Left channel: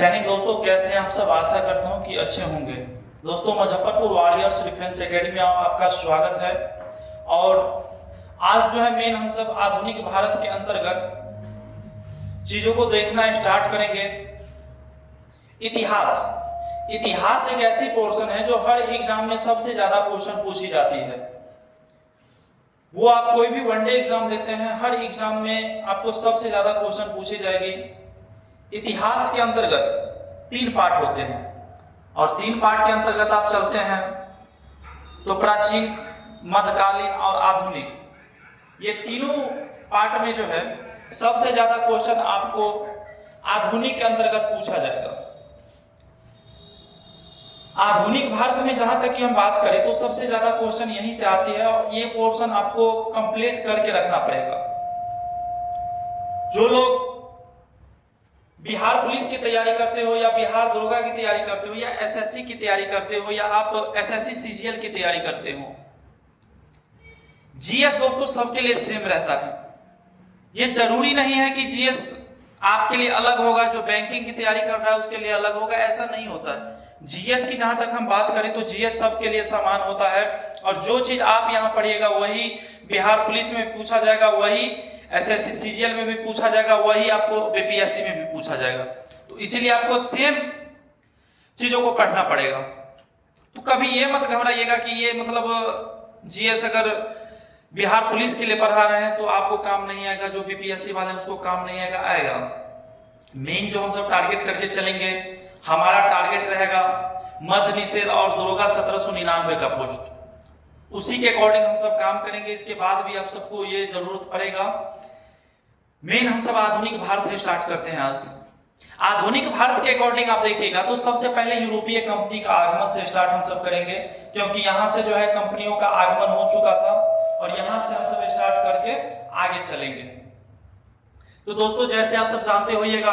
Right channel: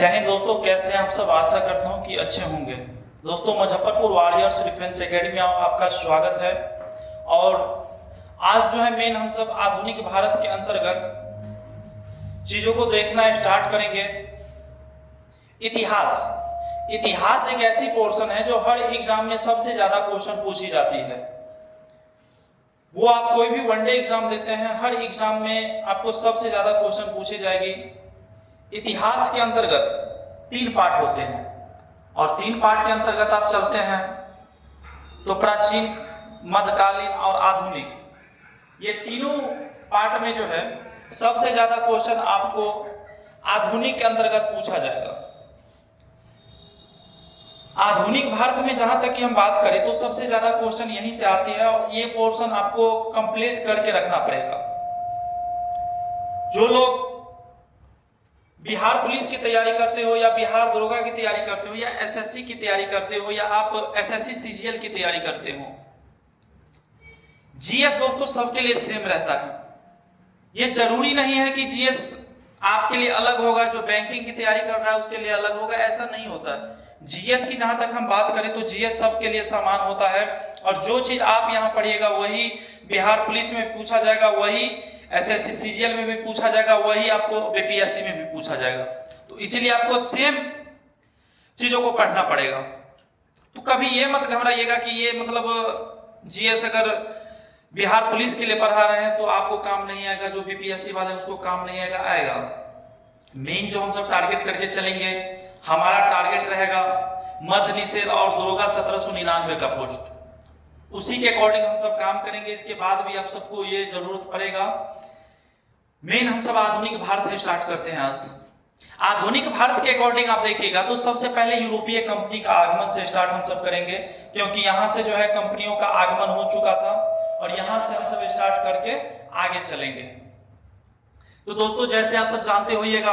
जय हिंद दोस्तों, कैसे हैं आप सब। आशा करता हूं कि अच्छे होंगे। दोस्तों, मुजफ्फरपुर वॉरियर्स डिफेंस एकेडमी में आपका स्वागत है। और आज जो है मेन हम सब आधुनिक भारत के अंतर्गत चीजों को देखना स्टार्ट करेंगे। इतिहास एक ऐसी पोर्शन है जो हर एग्जाम में सबसे ज्यादा क्वेश्चन पूछी जाती है। वो आप कोई भी वनडे एग्जाम देते हैं, हर एग्जाम में आपको सबसे ज्यादा क्वेश्चन पूछी जाएगी। इतिहास के अंतर्गत 3 पार्ट होते हैं और 3 पार्ट के अंतर्गत आप चलते हैं तो प्राचीन, मध्यकालीन और आधुनिक, ये तीनों पार्ट में जो है सबसे ज्यादा क्वेश्चन आपको आधुनिक के अंतर्गत पूछा जाएगा। आधुनिक भारत में जहां तक की हम बात करें तो सबसे ज्यादा क्वेश्चन यहीं से आती है और ये पोर्शन आपको कंप्लीट करके रखना पड़ेगा। जो लोग बिहार पुलिस की तैयारी करते हो या बिहार दरोगा की तैयारी करते हो या एसएससी की तैयारी करते हो या आप एसएससी सीजीएल की तैयारी करते हो, जीएस दोस्तों सबके लिए सेम रहता है। ये जरूरी नहीं है कि जीएस आपके लिए अलग होगा, जो बैंकिंग की तैयारी कर रहा है उसके लिए अलग होगा, ऐसा नहीं होता है। जीएस की जहां तक हम बात करें तो जीएस सबके लिए समान होता है और जो चीज आप यहां पढ़िएगा वही बिहार पुलिस में पूछा जाएगा, वही एसएससी सीजीएल में भी पूछा जाएगा, वही आपको बीपीएससी में भी पूछा जाएगा। तो इसीलिए आपको सेम चीजों को पढ़ना पड़ेगा। तो कभी ये मत घबराइएगा कि ये मतलब जीएस अगर बिहार पुलिस के लिए पढ़ा रहे हैं तो आपको काम नहीं आएगा, जो बीपीएससी वाले उसको काम नहीं आएगा। मेन जो हम सब टारगेट करके चलेंगे, हमारा टारगेट रहेगा मद्य निषेध और दरोगा 1799 का पोस्ट। उसी के अकॉर्डिंग हम सब काम करेंगे। इसके बाद भी आप सबको ये जरूरत पड़ेगा। मेन हम सब आधुनिक भारत स्टार्ट करते हैं आज। आधुनिक भारत के अकॉर्डिंग आप देखिएगा तो सबसे पहले यूरोपीय कंपनी का आगमन से स्टार्ट हम सब करेंगे, क्योंकि यहां से जो है कंपनियों का आगमन हो चुका था और यहां से हम सब स्टार्ट करके आगे चलेंगे। तो दोस्तों, जैसे आप सब जानते होइएगा,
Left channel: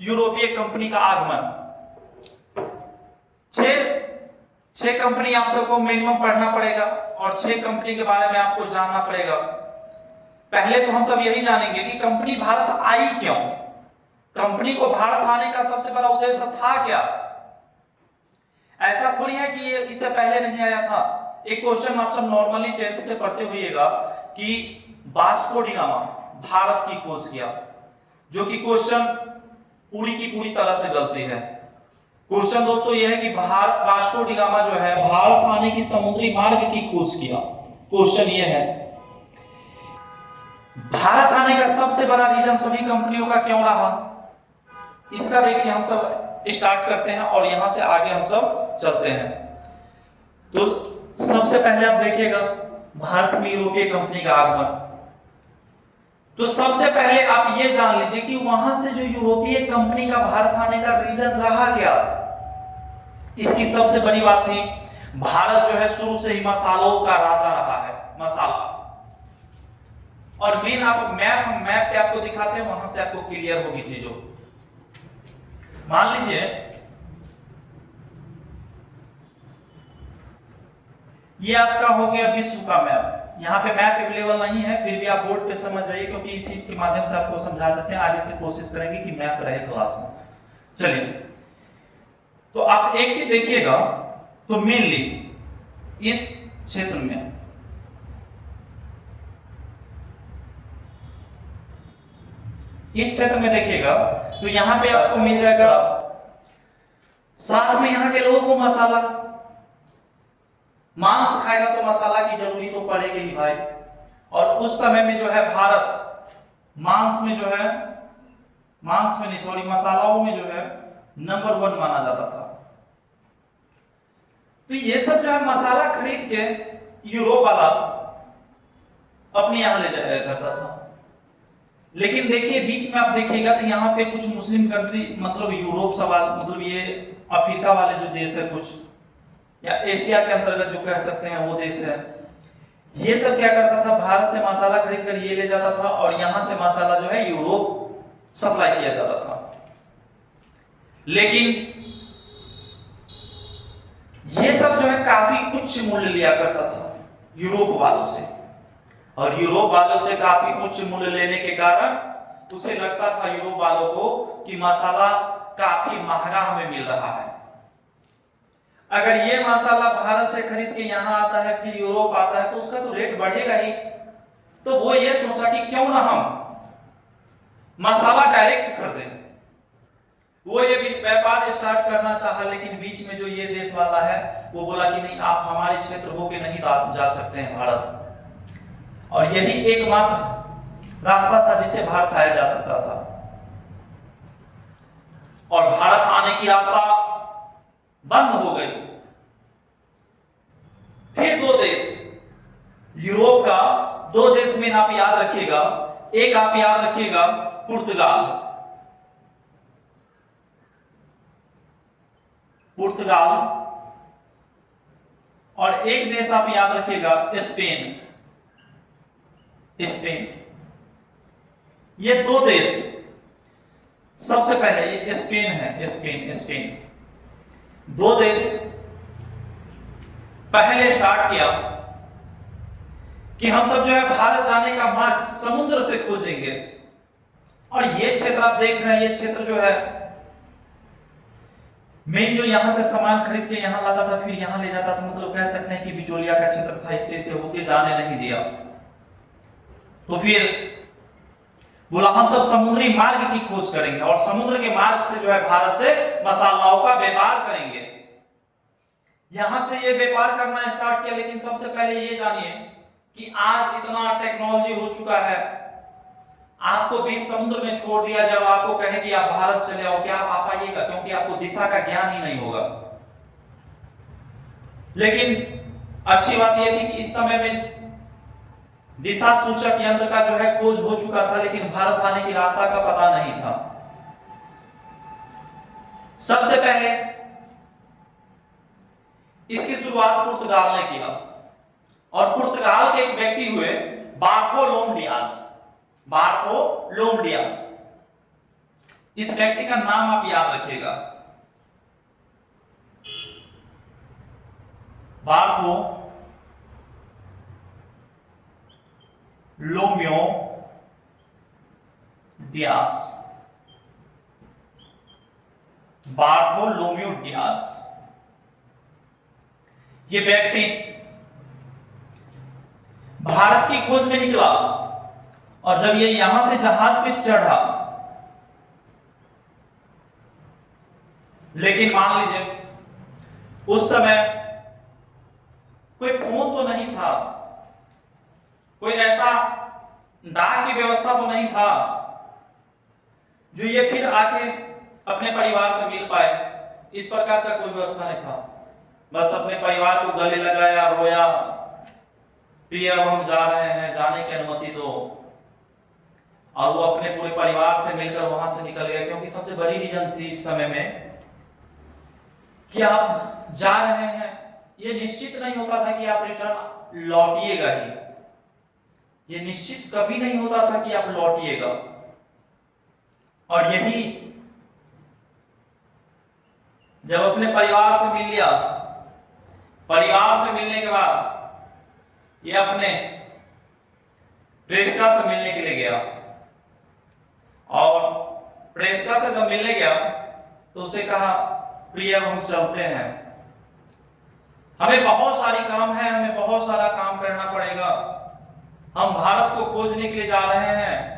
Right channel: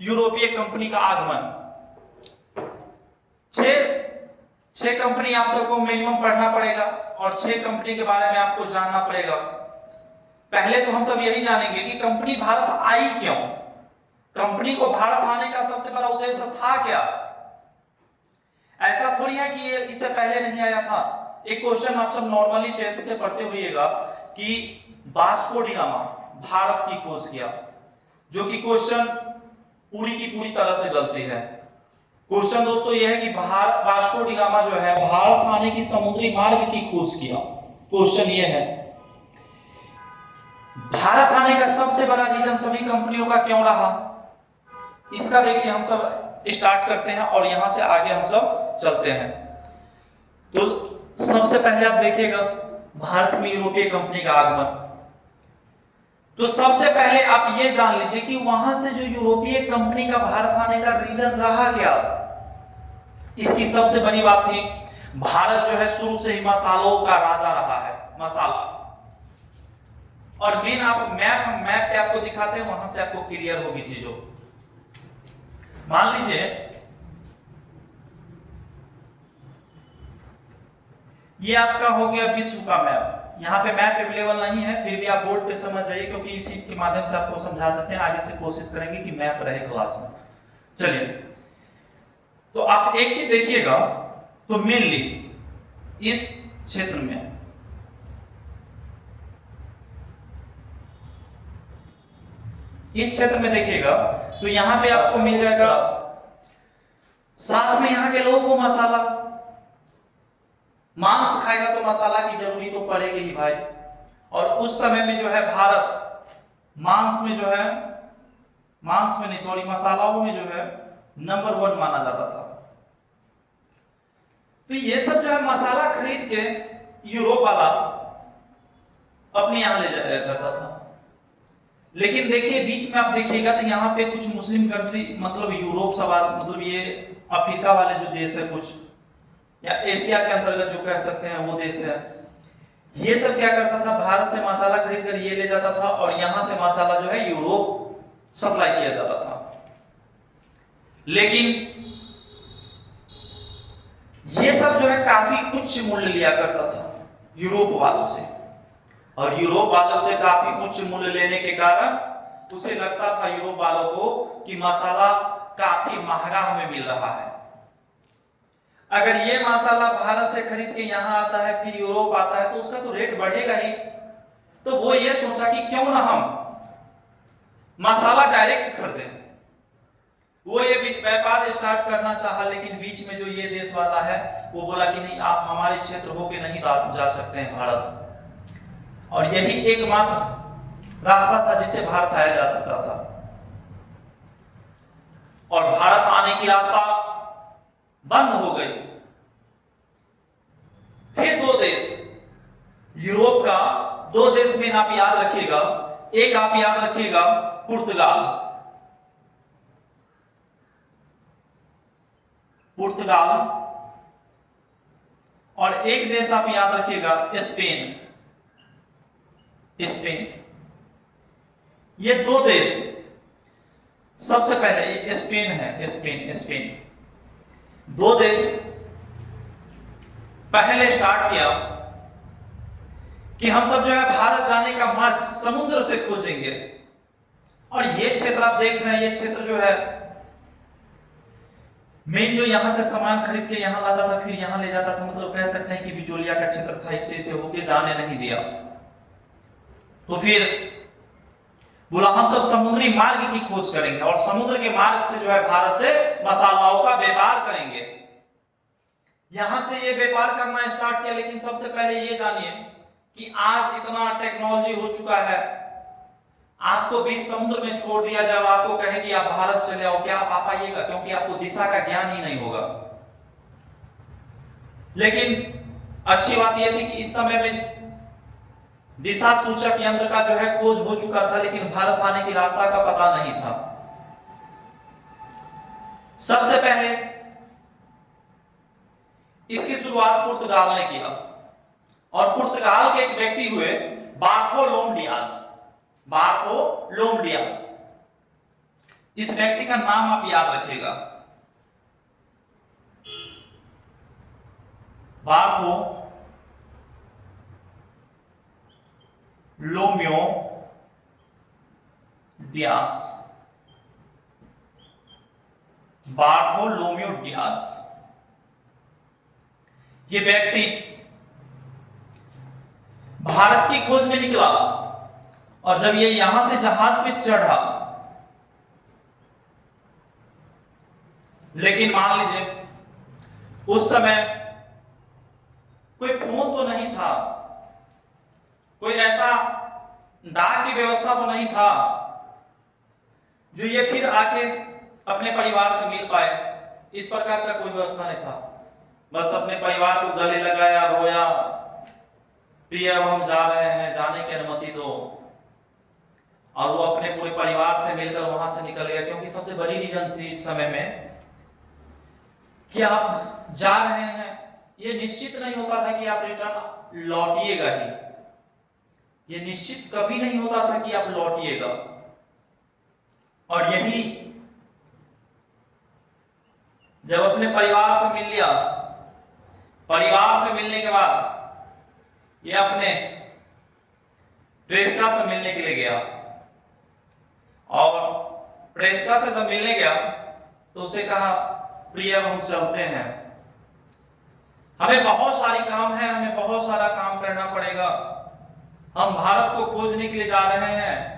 यूरोपीय कंपनी का आगमन, 6 कंपनी आप सबको मिनिमम पढ़ना पड़ेगा और 6 कंपनी के बारे में आपको जानना पड़ेगा। पहले तो हम सब यही जानेंगे कि कंपनी भारत आई क्यों, कंपनी को भारत आने का सबसे बड़ा उद्देश्य था क्या। ऐसा थोड़ी है कि ये इससे पहले नहीं आया था। एक क्वेश्चन आप सब नॉर्मली 10th से पढ़ते होइएगा कि वास्को डी गामा भारत की खोज किया, जो कि क्वेश्चन पूरी की पूरी तरह से गलती है। क्वेश्चन दोस्तों यह है कि वास्को डी गामा जो है भारत आने की समुद्री मार्ग की खोज किया। क्वेश्चन यह है भारत आने का सबसे बड़ा रीजन सभी कंपनियों का क्यों रहा। इसका देखिए हम सब स्टार्ट करते हैं और यहां से आगे हम सब चलते हैं। तो सबसे पहले आप देखिएगा भारत में यूरोपीय कंपनी का आगमन। तो सबसे पहले आप ये जान लीजिए कि वहां से जो यूरोपीय कंपनी का भारत आने का रीजन रहा क्या। इसकी सबसे बड़ी बात थी, भारत जो है शुरू से ही मसालों का राजा रहा है, मसाला। और मेन आप मैप पे आपको दिखाते हैं, वहां से आपको क्लियर होगी चीजों। मान लीजिए ये आपका हो गया विश्व का मैप। यहाँ पे मैप अवेलेबल नहीं है, फिर भी आप बोर्ड पे समझ जाइए, क्योंकि इसी के माध्यम से आपको समझा देते हैं। आगे से कोशिश करेंगे कि मैप रहे क्लास में। चलिए, तो आप एक चीज देखिएगा, तो मेनली इस क्षेत्र में देखिएगा तो यहां पे आपको मिल जाएगा, साथ में यहां के लोगों को मसाला, मांस खाएगा तो मसाला की जरूरी तो पड़ेगी ही भाई। और उस समय में जो है भारत मांस में मसालाओं में जो है नंबर 1 माना जाता था। तो ये सब जो है मसाला खरीद के यूरोप वाला अपने यहां ले जाया करता था। लेकिन देखिए बीच में आप देखिएगा तो यहाँ पे कुछ मुस्लिम कंट्री, मतलब यूरोप सवाल, मतलब ये अफ्रीका वाले जो देश है कुछ, या एशिया के अंतर्गत जो कह सकते हैं वो देश है, ये सब क्या करता था, भारत से मसाला खरीद कर ये ले जाता था और यहां से मसाला जो है यूरोप सप्लाई किया जाता था। लेकिन ये सब जो है काफी उच्च मूल्य लिया करता था यूरोप वालों से, और यूरोप वालों से काफी उच्च मूल्य लेने के कारण उसे लगता था यूरोप वालों को कि मसाला काफी महंगा हमें मिल रहा है। अगर ये मसाला भारत से खरीद के यहाँ आता है, फिर यूरोप आता है, तो उसका तो रेट बढ़ेगा ही। तो वो ये सोचा कि क्यों ना हम मसाला डायरेक्ट खरीदें। वो ये व्यापार स्टार्ट करना चाहा, लेकिन बीच में जो ये देश वाला है वो बोला कि नहीं, आप हमारे क्षेत्र होके नहीं जा सकते हैं भारत। और यही एकमात्र रास्ता था जिससे भारत आया जा सकता था। और भारत आने की रास्ता बंद हो गई। फिर दो देश, यूरोप का दो देश में आप याद रखिएगा। एक आप याद रखिएगा पुर्तगाल, पुर्तगाल, और एक देश आप याद रखिएगा स्पेन, स्पेन। ये दो देश, सबसे पहले ये स्पेन है, स्पेन, स्पेन। दो देश पहले स्टार्ट किया कि हम सब जो है भारत जाने का मार्ग समुद्र से खोजेंगे। और ये क्षेत्र आप देख रहे हैं, ये क्षेत्र जो है मेन जो यहां से सामान खरीद के यहां लाता था, फिर यहां ले जाता था, मतलब कह सकते हैं कि बिचौलिया का क्षेत्र था, इससे होके जाने नहीं दिया। तो फिर बोला हम सब समुद्री मार्ग की खोज करेंगे और समुद्र के मार्ग से जो है भारत से मसालाओं का व्यापार करेंगे। यहां से ये व्यापार करना स्टार्ट किया। लेकिन सबसे पहले ये जानिए कि आज इतना टेक्नोलॉजी हो चुका है, आपको बीच समुद्र में छोड़ दिया जाए, आपको कहे कि आप भारत चले आओ, क्या आप आ पाइएगा? क्योंकि आपको दिशा का ज्ञान ही नहीं होगा। लेकिन अच्छी बात यह थी कि इस समय में दिशा सूचक यंत्र का जो है खोज हो चुका था, लेकिन भारत आने की रास्ता का पता नहीं था। सबसे पहले इसकी शुरुआत पुर्तगाल ने किया और पुर्तगाल के एक व्यक्ति हुए बार्थोलोम डियाज, बार्थोलोम डियाज। इस व्यक्ति का नाम आप याद रखिएगा, बार्थोलोम्यो डियाज, बार्थोलोम्यो डियाज। ये व्यक्ति भारत की खोज में निकला और जब ये यहां से जहाज पे चढ़ा, लेकिन मान लीजिए उस समय कोई फोन तो नहीं था, कोई ऐसा डाक की व्यवस्था तो नहीं था जो ये फिर आके अपने परिवार से मिल पाए। इस प्रकार का कोई व्यवस्था नहीं था। बस अपने परिवार को गले लगाया, रोया, प्रिय अब हम जा रहे हैं, जाने की अनुमति दो। और वो अपने पूरे परिवार से मिलकर वहां से निकल गया, क्योंकि सबसे बड़ी रीजन थी इस समय में कि आप जा रहे हैं, ये निश्चित नहीं होता था कि आप रिटर्न लौटिएगा ही, ये निश्चित कभी नहीं होता था कि आप लौटिएगा। और यही जब अपने परिवार से मिल लिया, परिवार से मिलने के बाद ये अपने प्रेषिका से मिलने के लिए गया और प्रेषिका से जब मिलने गया तो उसे कहा, प्रिय हम चलते हैं, हमें बहुत सारी काम है, हमें बहुत सारा काम करना पड़ेगा, हम भारत को खोजने के लिए जा रहे हैं।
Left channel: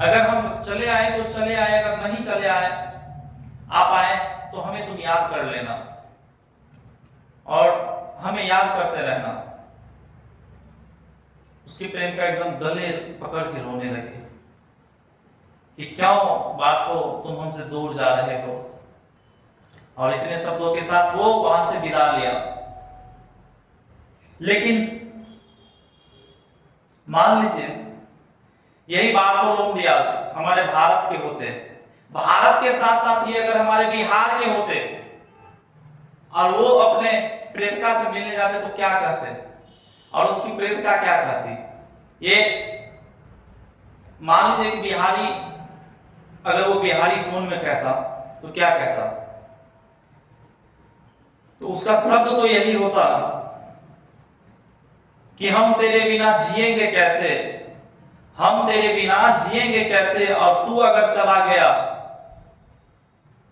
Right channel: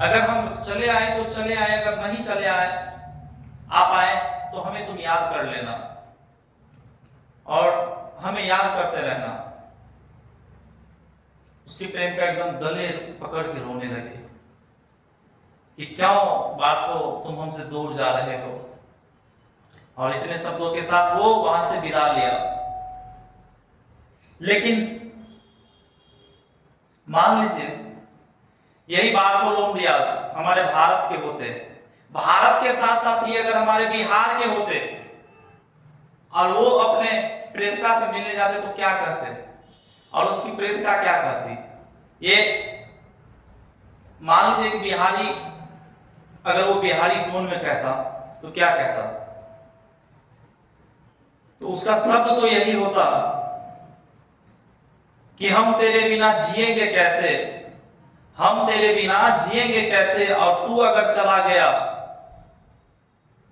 अगर हम चले आए तो चले आए, अगर नहीं चले आए, आप आए तो हमें तुम याद कर लेना और हमें याद करते रहना। उसके प्रेम का एकदम गले पकड़ के रोने लगे कि क्यों बात हो, तुम हमसे दूर जा रहे हो। और इतने शब्दों के साथ वो वहां से विदा लिया। लेकिन मान लीजिए यही बार्थोलोम डियाज हमारे भारत के होते, भारत के साथ साथ ही अगर हमारे बिहार के होते और वो अपने प्रेषिका से मिलने जाते तो क्या कहते और उसकी प्रेषिका क्या कहती? ये मान लीजिए एक बिहारी, अगर वो बिहारी टोन में कहता तो क्या कहता? तो उसका शब्द तो यही होता कि हम तेरे बिना जिएंगे कैसे, हम तेरे बिना जिएंगे कैसे, और तू अगर चला गया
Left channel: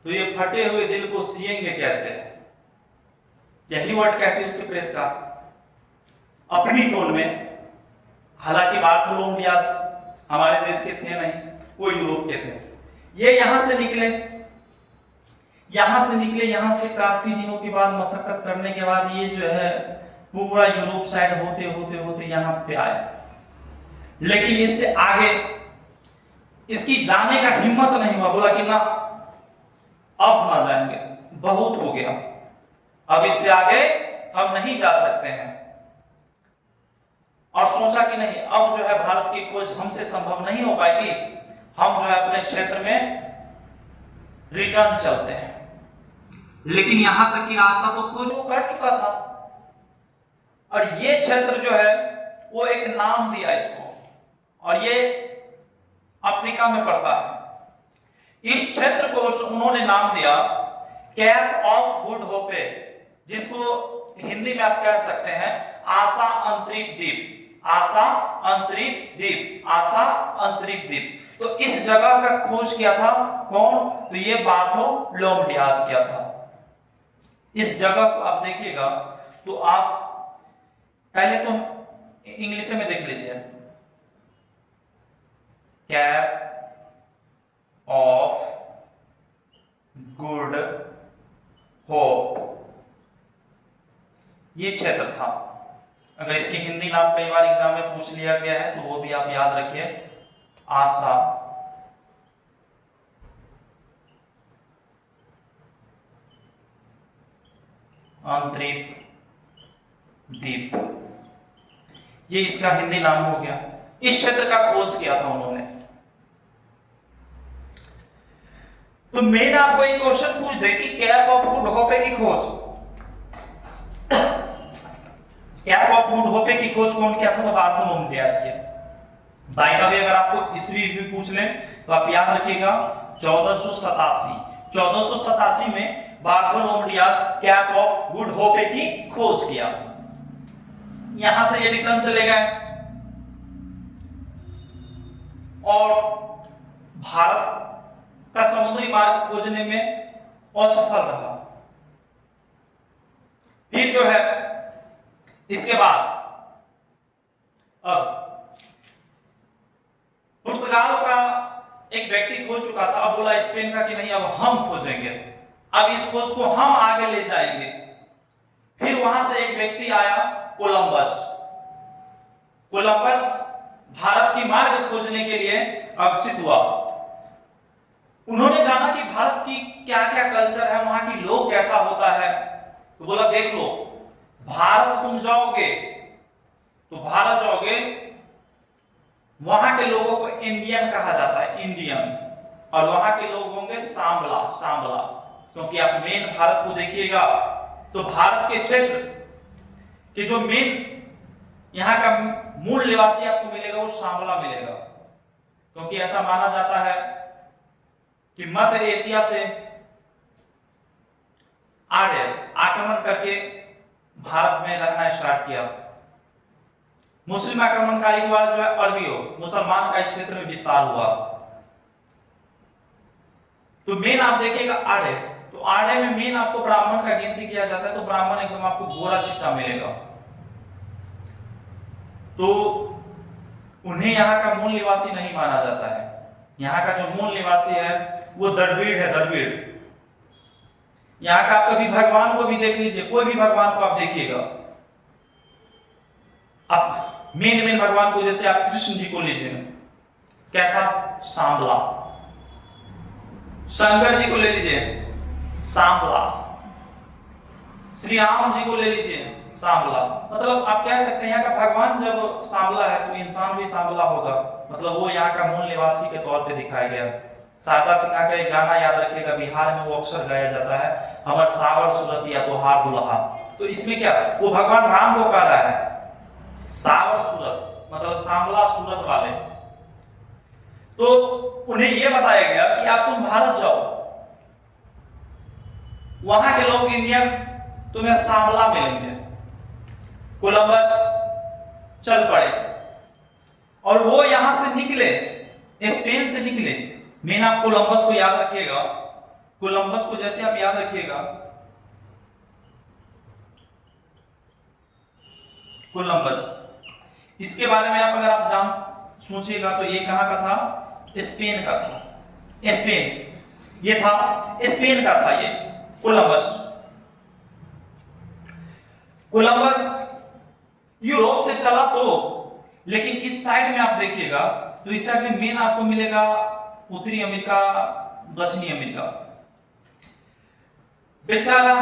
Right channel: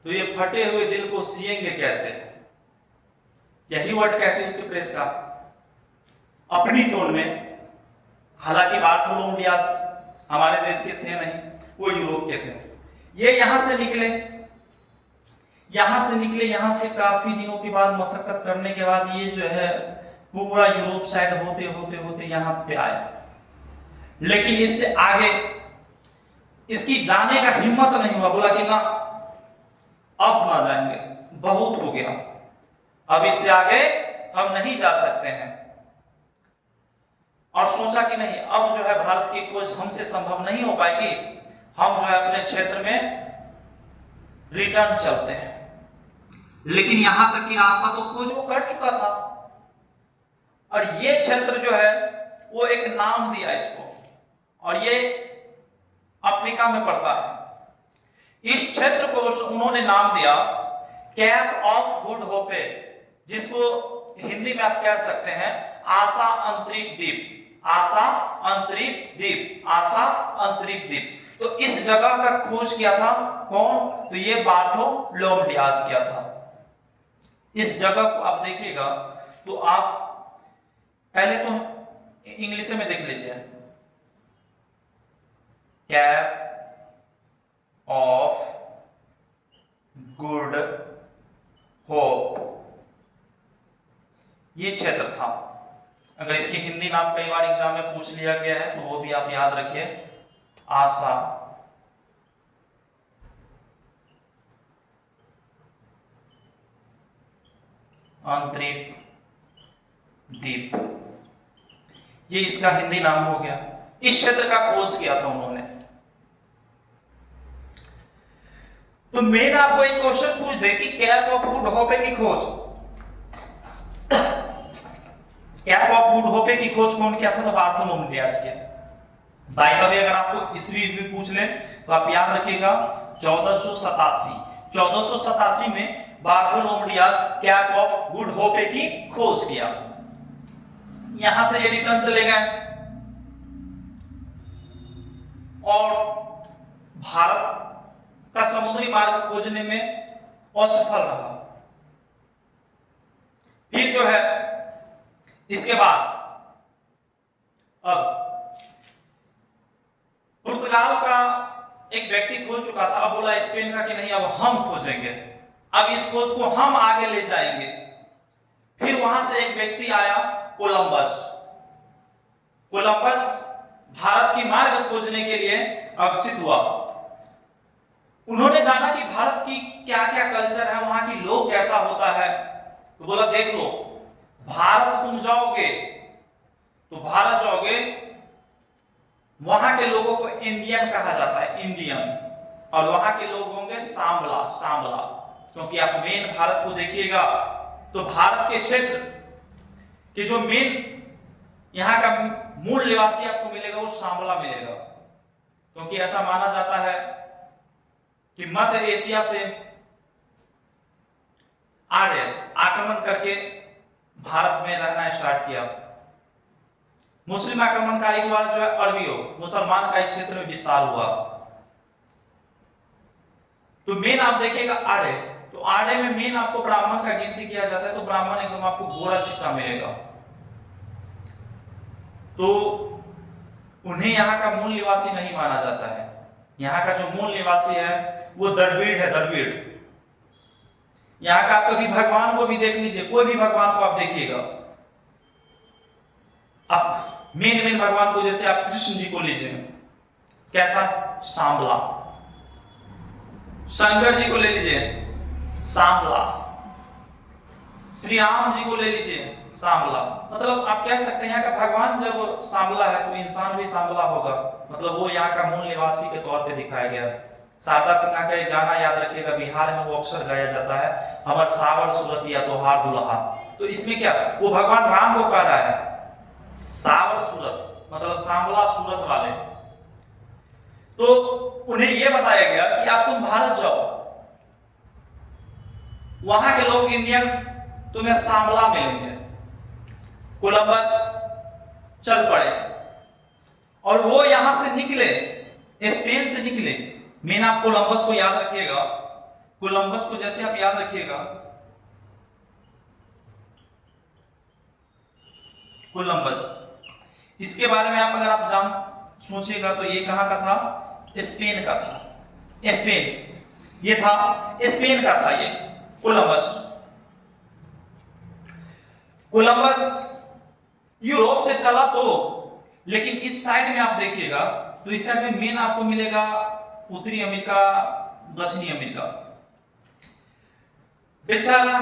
तो ये फटे हुए दिल को सिएंगे कैसे, यही वर्ड कहते हैं उसके प्रेस का अपनी टोन में। हालांकि बार्थोलोमेव डियाज हमारे देश के थे नहीं, वो यूरोप के थे। ये यहां से निकले, यहां से काफी दिनों के बाद मशक्कत करने के बाद ये जो है पूरा यूरोप साइड होते होते होते यहां पे आया। लेकिन इससे आगे इसकी जाने का हिम्मत नहीं हुआ, बोला कि ना अब ना जाएंगे, बहुत हो गया, अब इससे आगे हम नहीं जा सकते हैं। और सोचा कि नहीं, अब जो है भारत की खोज हमसे संभव नहीं हो पाएगी, हम जो है अपने क्षेत्र में रिटर्न चलते हैं। लेकिन यहां तक की रास्ता तो खोज वो कर चुका था, और ये क्षेत्र जो है वो एक नाम दिया इसको, और ये अफ्रीका में पड़ता है। इस क्षेत्र को उन्होंने नाम दिया कैप ऑफ गुड होपे, जिसको हिंदी में आप कह सकते हैं आशा अंतरिक्ष द्वीप, आशा अंतरिक्ष द्वीप, आशा अंतरिक्ष द्वीप। तो इस जगह का खोज किया था कौन, तो ये बार्थोलोमेव डियाज किया था। इस जगह को आप देखिएगा तो आप पहले तो इंग्लिश में देख लीजिए, कैप ऑफ गुड होप, ये क्षेत्र था। अगर इसकी हिंदी नाम कई बार एग्जाम में पूछ लिया गया है तो वो भी आप याद रखिए, आशा अंतरिक्ष द्वीप, ये इसका हिंदी नाम हो गया। इस क्षेत्र का खोज किया था उन्होंने। तो मेन आपको एक क्वेश्चन पूछ दे कि कैप ऑफ गुड होपे की खोज, कैप ऑफ गुड होपे की खोज कौन किया था, तो बार्थोलोमेव डियाज के। बाय द वे अगर आपको ईस्वी भी पूछ ले तो आप याद रखिएगा 1487 में Bartholomew Dias Cape of Good Hope की खोज किया। यहां से ये रिटर्न चले गए और भारत का समुद्री मार्ग खोजने में असफल रहा। फिर जो है इसके बाद अब पुर्तगाल का एक व्यक्ति खोज चुका था, अब बोला स्पेन का कि नहीं अब हम खोजेंगे, अब इस खोज को हम आगे ले जाएंगे। फिर वहां से एक व्यक्ति आया कोलंबस। कोलंबस भारत की मार्ग खोजने के लिए अग्रसित हुआ। उन्होंने जाना कि भारत की क्या क्या कल्चर है, वहां की लोग कैसा होता है, तो बोला देख लो भारत तुम जाओगे तो भारत जाओगे, वहां के लोगों को इंडियन कहा जाता है, इंडियन, और वहां के लोग होंगे सांबला, सांबला। क्योंकि आप मेन भारत को देखिएगा तो भारत के क्षेत्र कि जो मेन यहां का मूल निवासी आपको मिलेगा वो सांबला मिलेगा। क्योंकि ऐसा माना जाता है कि मध्य एशिया से आर्य आक्रमण करके भारत में रहना स्टार्ट किया। मुस्लिम आक्रमणकारी द्वारा जो है अरबियों मुसलमान का इस क्षेत्र में विस्तार हुआ। तो मेन आप देखिएगा आर्य, तो आर्य में मेन आपको ब्राह्मण का गिनती किया जाता है, तो ब्राह्मण एकदम आपको गोरा चिट्टा मिलेगा। तो उन्हें यहाँ का मूल निवासी नहीं माना जाता है। यहाँ का जो मूल निवासी है वो द्रविड़ है, द्रविड़। यहाँ का आप कभी भगवान को भी देख लीजिए, कोई भी भगवान को आप देखिएगा, आप मेन भगवान को जैसे आप कृष्ण जी को लीजिए, कैसा सांबला, शंकर जी को ले लीजिए सांबला, श्री राम जी को ले लीजिए सांबला। मतलब आप कह सकते हैं यहाँ का भगवान जब सांबला है तो इंसान भी सांबला होगा, मतलब वो यहाँ का मूल निवासी के तौर पे दिखाया गया। शारदा सिन्हा का एक गाना याद रखिएगा, बिहार में वो अक्सर गाया जाता है, हमर सावर सूरतिया तोहार दुल्हा। तो इसमें क्या वो भगवान राम को कह रहा है सावर सूरत, मतलब सांबला सूरत वाले। तो उन्हें यह बताया गया कि आप तुम भारत जाओ, वहां के लोग इंडियन तुम्हें सांबला मिलेंगे। कोलंबस चल पड़े और वो यहां से निकले, स्पेन से निकले। मेन आप कोलंबस को याद रखिएगा, कोलंबस को जैसे आप याद रखिएगा, कोलंबस, इसके बारे में आप अगर आप जान सोचिएगा तो ये कहां का था? स्पेन का था। स्पेन, ये था स्पेन का था ये कोलंबस। कोलंबस यूरोप से चला तो, लेकिन इस साइड में आप देखिएगा तो इस साइड में मेन आपको मिलेगा उत्तरी अमेरिका, दक्षिणी अमेरिका। बेचारा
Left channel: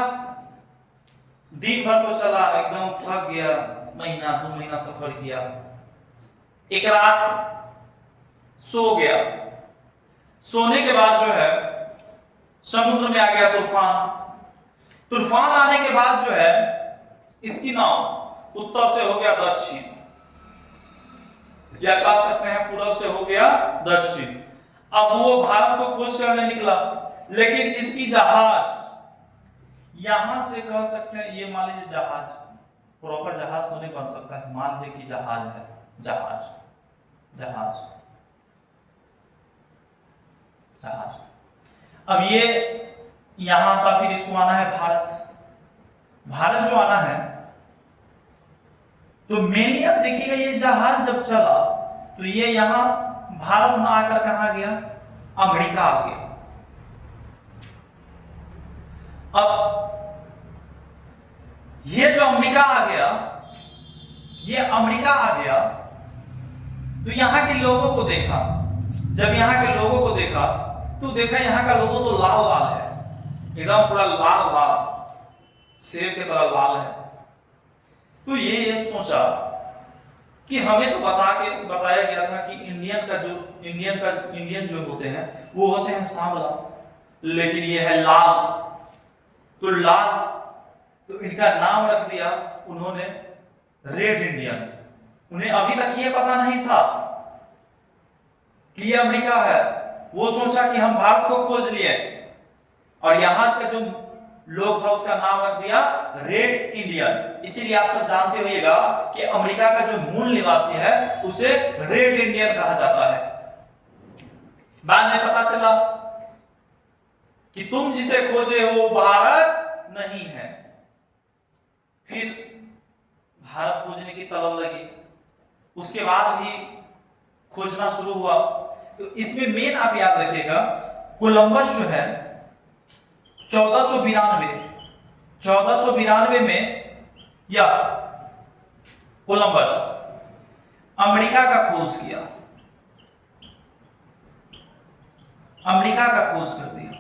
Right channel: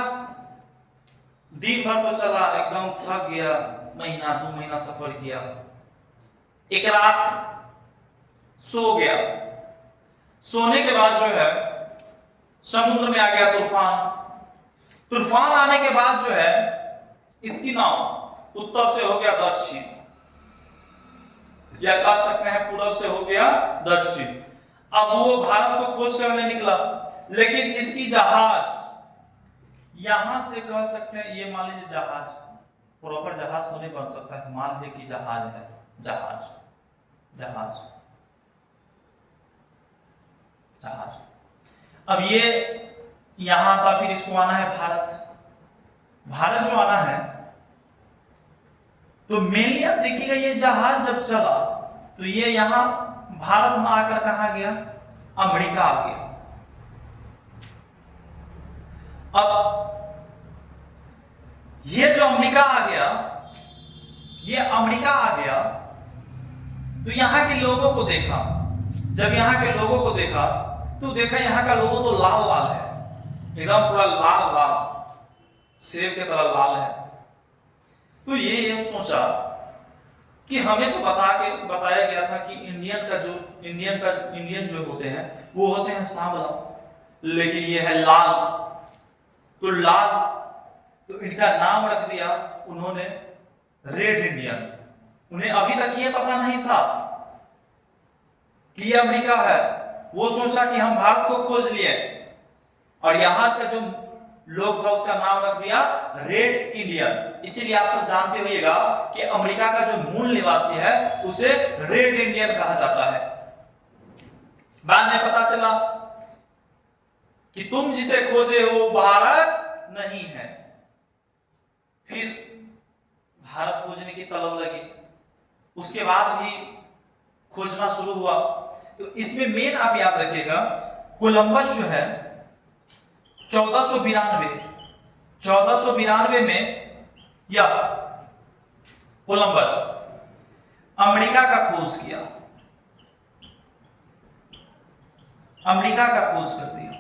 दिन भर तो चला, एकदम थक गया, महीना 2 महीना सफर किया, एक रात सो गया। सोने के बाद जो है समुद्र में आ गया तूफान। तूफान आने के बाद जो है इसकी नाव उत्तर से हो गया दक्षिण, या कह सकते हैं पूरब से हो गया दक्षिण। अब वो भारत को खोज करने निकला, लेकिन इसकी जहाज यहां से कह सकते हैं, ये मान लीजिए जहाज, प्रॉपर जहाज तो नहीं बन सकता है, मान लीजिए कि जहाज है, जहाज जहाज जहाज। अब ये यहां था, फिर इसको आना है भारत। भारत जो आना है तो मेनली आप देखिएगा ये जहाज जब चला तो ये यहां भारत में आकर कहां गया? अमेरिका आ गया। अब ये जो अमेरिका आ गया, ये अमेरिका आ गया तो यहां के लोगों को देखा। जब यहां के लोगों को देखा तो देखा यहां का लोगों तो लाल लाल है, एकदम पूरा लाल लाल, सेब की तरह लाल है। तो ये सोचा कि हमें तो बताया गया था कि इंडियन जो होते हैं वो होते हैं सांवला, लेकिन ये है लाल। तो लाल, तो इनका नाम रख दिया उन्होंने रेड इंडियन। उन्हें अभी तक ये पता नहीं था कि ये अमेरिका है। वो सोचा कि हम भारत को खोज लिए, और यहां का जो लोग था उसका नाम रख दिया रेड इंडियन। इसीलिए आप सब जानते होइएगा कि अमेरिका का जो मूल निवासी है उसे रेड इंडियन कहा जाता है। बाद में पता चला कि तुम जिसे खोजे हो भारत नहीं है। फिर भारत खोजने की तलब लगी, उसके बाद भी खोजना शुरू हुआ। तो इसमें मेन आप याद रखिएगा, कोलंबस जो है 1492 में या कोलंबस अमेरिका का खोज किया, अमेरिका का खोज कर दिया।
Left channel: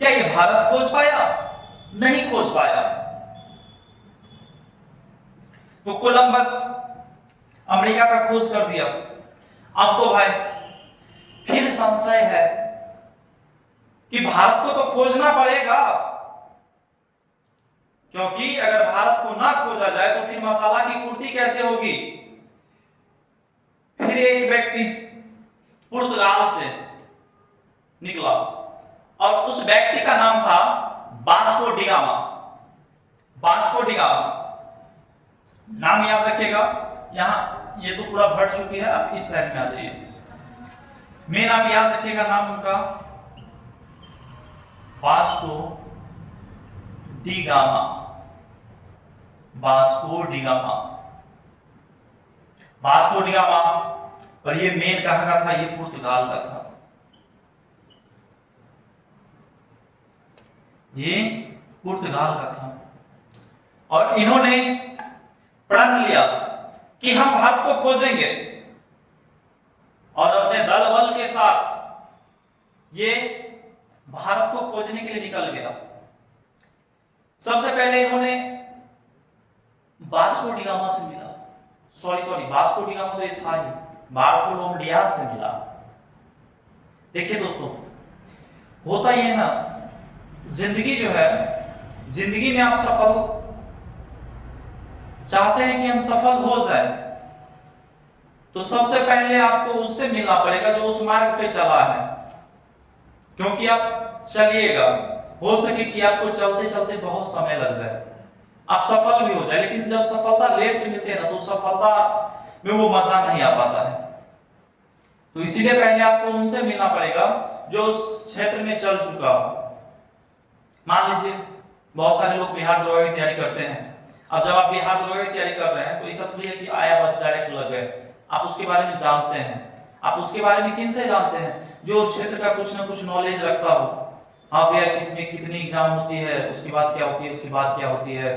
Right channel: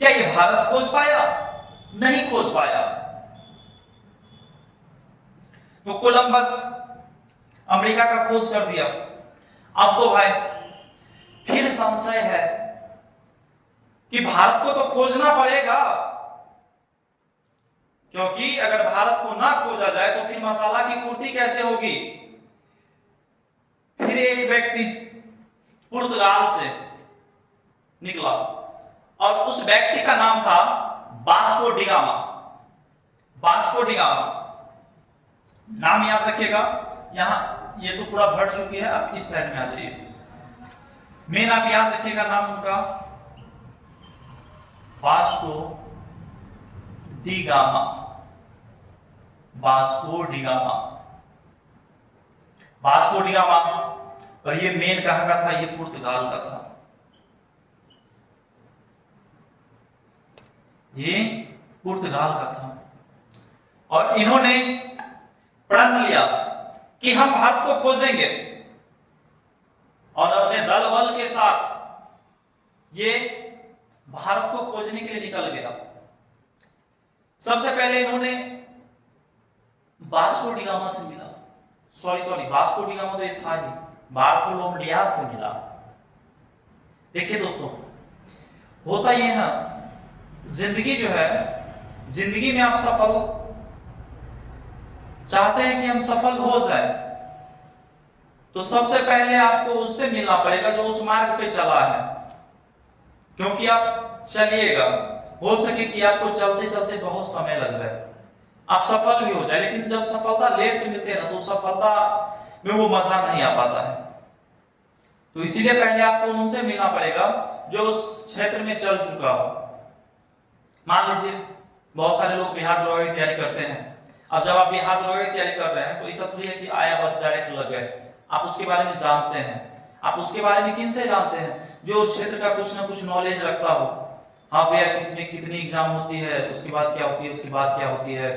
क्या ये भारत खोज पाया? नहीं खोज पाया। तो कोलंबस अमेरिका का खोज कर दिया। अब तो भाई फिर संशय है कि भारत को तो खोजना पड़ेगा, क्योंकि अगर भारत को ना खोजा जाए तो फिर मसाला की पूर्ति कैसे होगी। फिर एक व्यक्ति पुर्तगाल से निकला और उस व्यक्ति का नाम था Vasco D gamma. Vasco D gamma नाम याद रखिएगा। यहां ये तो पूरा भट चुकी है, आप इस साइड में आ जाइए। मेन आप याद रखिएगा नाम उनका Vasco D gamma. Vasco D gamma, Vasco D gamma. और ये मेन कहां का था? ये पुर्तगाल का था। ये पुर्तगाल का था। और इन्होंने प्रण लिया कि हम भारत को खोजेंगे, और अपने दल बल के साथ ये भारत को खोजने के लिए निकल गया। सबसे पहले इन्होंने वास्को डी गामा से मिला। सॉरी वास्को डी गामा तो ये था ही, बार्थोलोमेव से मिला। देखिए दोस्तों, होता ये है ना, जिंदगी जो है, जिंदगी में आप सफल चाहते हैं कि हम सफल हो जाए, तो सबसे पहले आपको उससे मिलना पड़ेगा जो उस मार्ग पे चला है। क्योंकि आप चलिएगा, हो सके कि आपको चलते चलते बहुत समय लग जाए, आप सफल भी हो जाए, लेकिन जब सफलता लेट से मिलती है ना, तो सफलता में वो मजा नहीं आ पाता है। तो इसीलिए पहले आपको उनसे मिलना पड़ेगा जो उस क्षेत्र में चल चुका हो। मान लीजिए बहुत सारे लोग बिहार दरोगा की तैयारी करते हैं। अब जब आप बिहार दरोगा की तैयारी कर रहे हैं तो ऐसा थोड़ी है कि आया बस डायरेक्ट लग गए। आप उसके बारे में जानते हैं। आप उसके बारे में किन से जानते हैं? जो उस क्षेत्र का कुछ ना कुछ नॉलेज रखता हो। हाँ भैया इसमें कितनी एग्जाम होती है, उसके बाद क्या होती है, उसके बाद क्या होती है,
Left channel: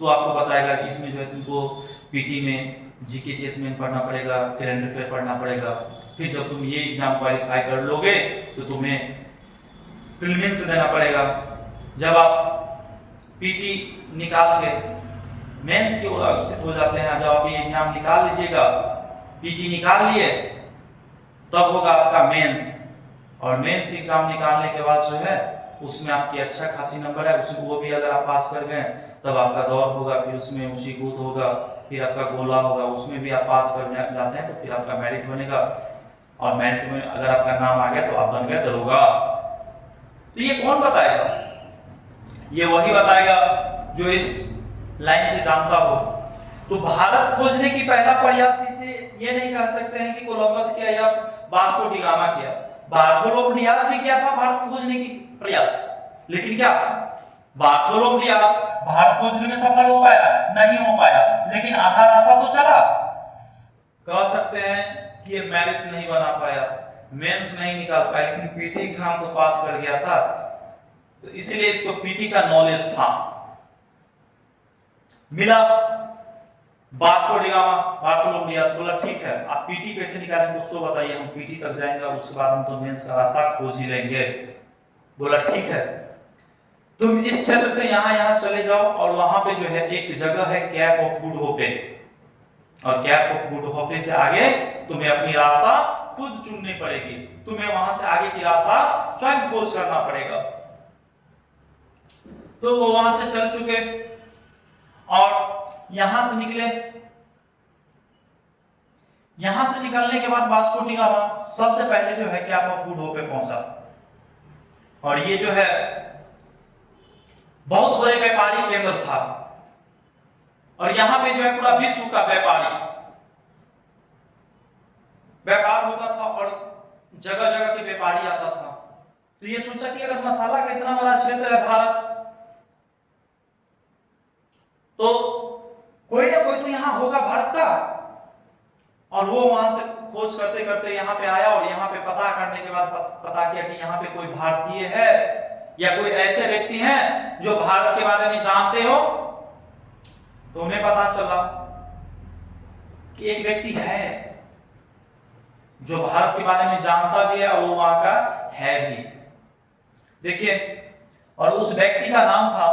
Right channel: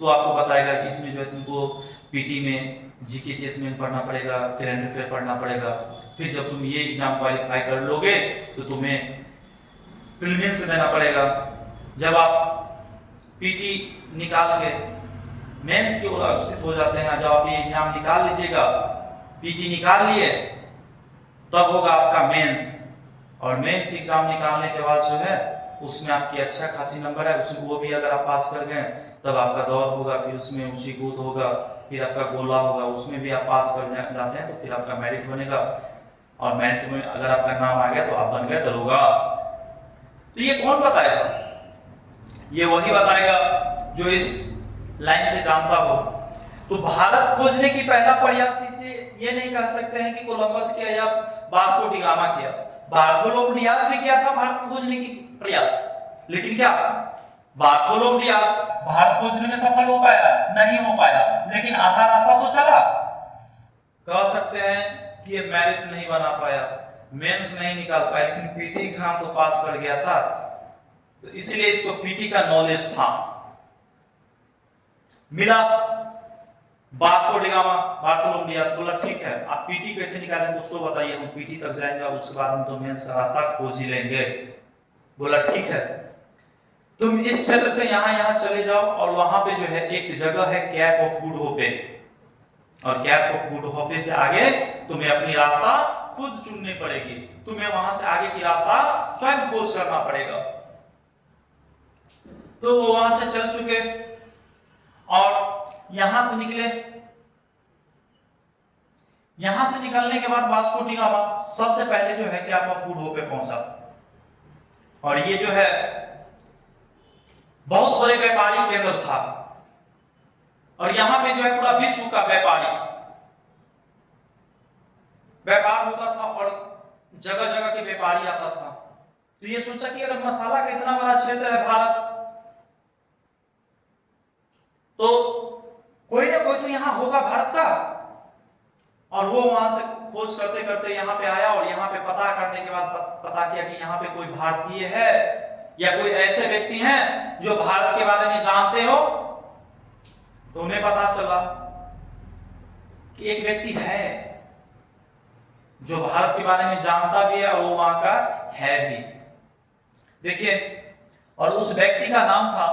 तो आपको बताएगा कि इसमें जो है तुमको पीटी में जीके जेएसएम पढ़ना पड़ेगा, करंट अफेयर पढ़ना पड़ेगा। फिर जब तुम ये एग्जाम क्वालिफाई कर लोगे तो तुम्हें प्रीलिम्स देना पड़ेगा। जब आप पीटी निकाल के मेंस की ओर अग्रसित हो जाते हैं, जब आप ये एग्जाम निकाल लीजिएगा, पीटी निकाल लिए, तब होगा आपका मेंस। और मेंस एग्जाम निकालने के बाद जो है उसमें आपकी अच्छा खासी नंबर है, उसमें वो भी अगर आप पास कर गए तब आपका दौड़ होगा, फिर उसमें ऊंची कूद होगा, फिर आपका गोला होगा, उसमें भी आप पास कर जाते हैं तो फिर आपका मेरिट बनेगा। और मेरिट में अगर आपका नाम आ गया तो आप बन गए दरोगा। तो ये कौन बताएगा? ये वही बताएगा जो इस लाइन से जानता हो। तो भारत खोजने की पहला प्रयास इसे ये नहीं कह सकते हैं कि कोलंबस किया या वास्को डी गामा किया। बार्थोलोम डियास भी किया था भारत खोजने की प्रयास, लेकिन क्या बार्थोलोम डियास भारत खोजने में सफल हो पाया? नहीं हो पाया, लेकिन आधा रास्ता तो चला। कह सकते हैं कि ये मेरिट नहीं बना पाया, मेंस नहीं निकाल पाया, लेकिन पीटी एग्जाम तो पास कर गया था, तो इसलिए इसको पीटी का नॉलेज था। मिला वास्को डी गामा, बार्थोलोम डियास, बोला ठीक है आप पीटी कैसे निकालेंगे उसको बताइए, हम पीटी तक जाएंगे और उसके बाद हम तो मेंस का रास्ता खोज ही लेंगे। बोला ठीक है तुम इस क्षेत्र से यहां चले जाओ, और वहां पे जो है एक जगह है कैप ऑफ गुड होप, और कैप ऑफ गुड होप से आगे तुम्हें अपनी रास्ता खुद चुननी पड़ेगी, तुम्हें वहां से आगे की रास्ता स्वयं खोज करना पड़ेगा। तो वो वहां से चल चुके और यहां से निकले। यहां से निकलने के बाद वास्को डी गामा सबसे पहले जो है कैप ऑफ गुड होप पे पहुंचा, और ये जो है बहुत बड़े व्यापारिक केंद्र था, और यहां पे जो है पूरा विश्व का व्यापार होता था, और जगह जगह के व्यापारी आता था। तो ये सोचा कि अगर मसाला का इतना बड़ा क्षेत्र है भारत, तो कोई ना कोई तो यहां होगा भारत का। और वो वहां से खोज करते करते यहां पे आया, और यहां पे पता करने के बाद पता किया कि यहां पे कोई भारतीय है या कोई ऐसे व्यक्ति हैं जो भारत के बारे में जानते हो। तो उन्हें पता चला कि एक व्यक्ति है जो भारत के बारे में जानता भी है और वो वहां का है भी। देखिए, और उस व्यक्ति का नाम था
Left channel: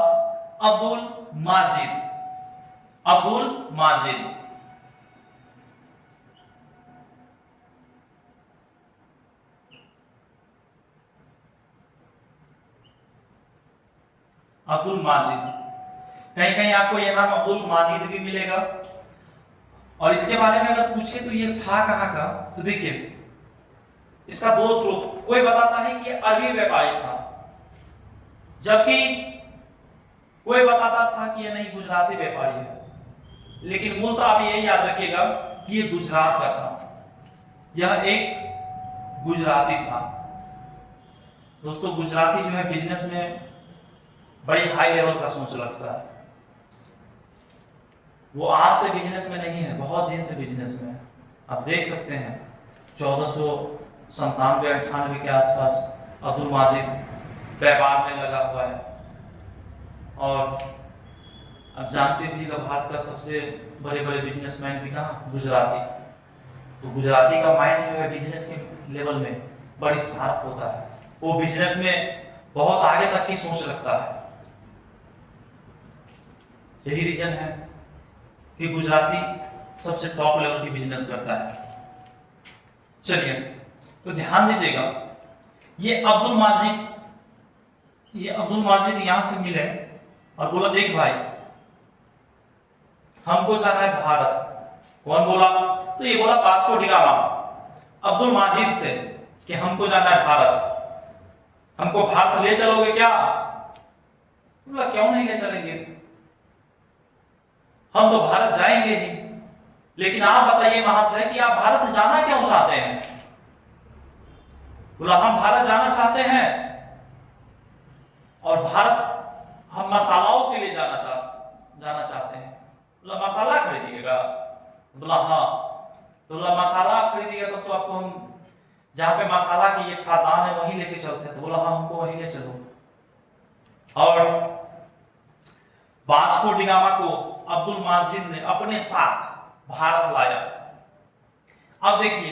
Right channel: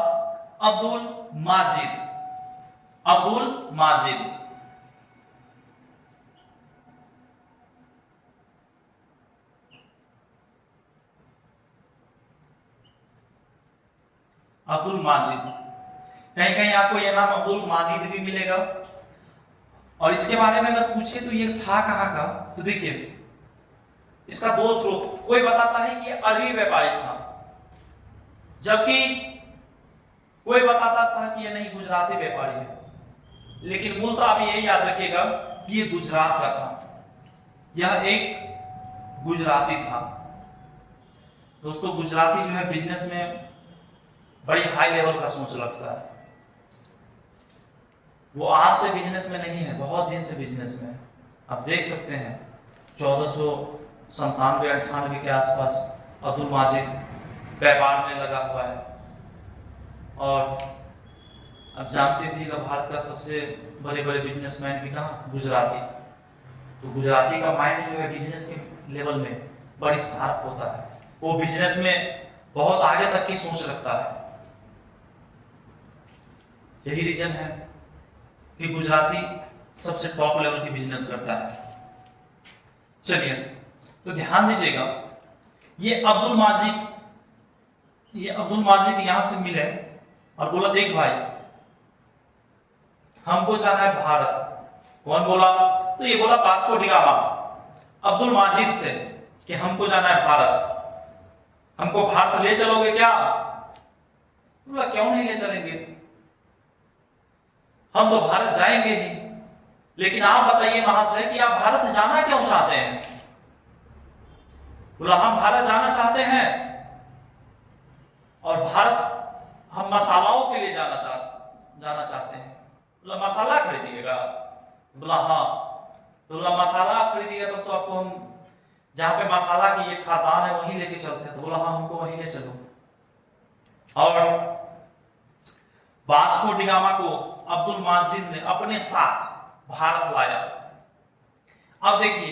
अब्दुल माजिद। अब्दुल माजिद अब्दुल माजिद, कहीं कहीं आपको यह नाम अब्दुल माजिद भी मिलेगा। और इसके बारे में अगर पूछे तो ये था कहां का, तो देखिए इसका दो स्रोत। कोई बताता है कि अरबी व्यापारी था, जबकि कोई बताता था कि ये नहीं गुजराती व्यापारी है। लेकिन मूल तो आप ये याद रखिएगा कि ये गुजरात का था, यह एक गुजराती था। दोस्तों गुजराती जो है बिजनेस में बड़ी हाई लेवल का सोच रखता है। वो आज से बिजनेस में नहीं है, बहुत दिन से बिजनेस में है। आप देख सकते हैं 1497-98 के आसपास अब्दुल माजिद व्यापार में लगा हुआ है। और अब जानते भी भारत का सबसे बड़े बड़े बिजनेसमैन भी कहा गुजराती। तो गुजराती का माइंड जो है बिजनेस के लेवल में बड़ी शार्प होता है, वो बिजनेस में बहुत आगे तक की सोच रखता है। यही रीजन है कि गुजराती सबसे टॉप लेवल की बिजनेस करता है। चलिए तो ध्यान दीजिएगा, ये अब्दुल माजिद यहां से मिले और बोला देख भाई हमको जाना है भारत। कौन बोला? तो ये बोला Vasco D gamma Abdul Majid से कि हमको जाना है भारत, हमको भारत ले चलोगे क्या? बोला क्यों नहीं ले चलेंगे, हम तो भारत जाएंगे ही, लेकिन आप बताइए वहां से कि आप भारत जाना क्यों चाहते हैं? बोला हम भारत जाना चाहते हैं और भारत हम मसालाओं के लिए जाना चाहते हैं। बोला मसाला खरीदिएगा? बोला हाँ। तो बोला मसाला आप खरीदिएगा तो आपको हम जहां पे मसाला की ये खदान है वहीं लेके चलते हैं। तो बोला हाँ हमको वहीं ले चलो। और वास्को डी गामा को अब्दुल माजिद ने अपने साथ भारत लाया। अब देखिए